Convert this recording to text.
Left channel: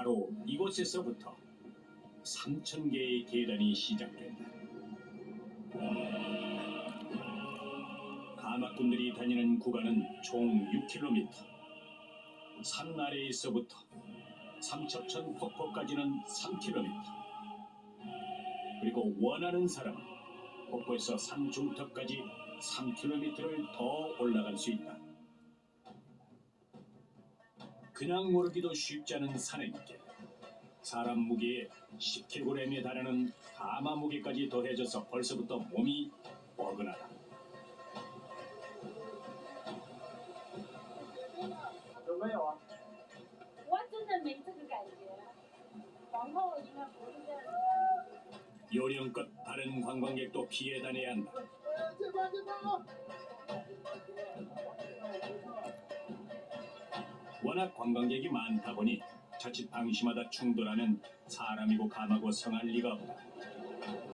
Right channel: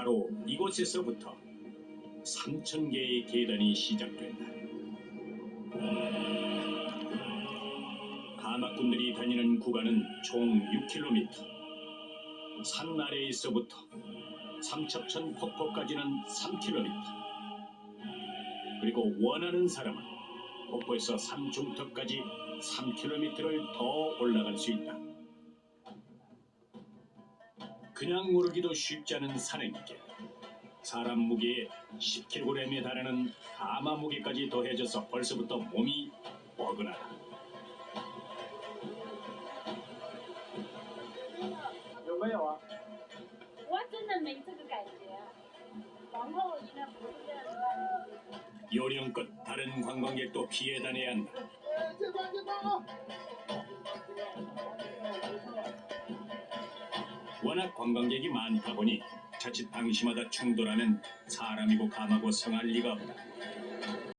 바로 이곳에서부터 3천 개의 계단이 시작된다. 가마꾼들이 다니는 구간은 총 6km. 산 아래에서부터 삼첩천 폭포까지는 3km. 그리고 원하는 사람은 폭포에서 산 중턱까지 3km를 더 올라갈 수 있다. 그냥 오르기도 쉽지 않은 산행길. 사람 무게에 10kg에 달하는 가마 무게까지 더해져서 벌써부터 몸이 뻐근하다. 요령껏 다른 관광객도 피해 다녀야 한다. 워낙 관광객이 많다 보니 자칫 방심하다 충돌하면 사람이고 감하고 성할 리가 없다.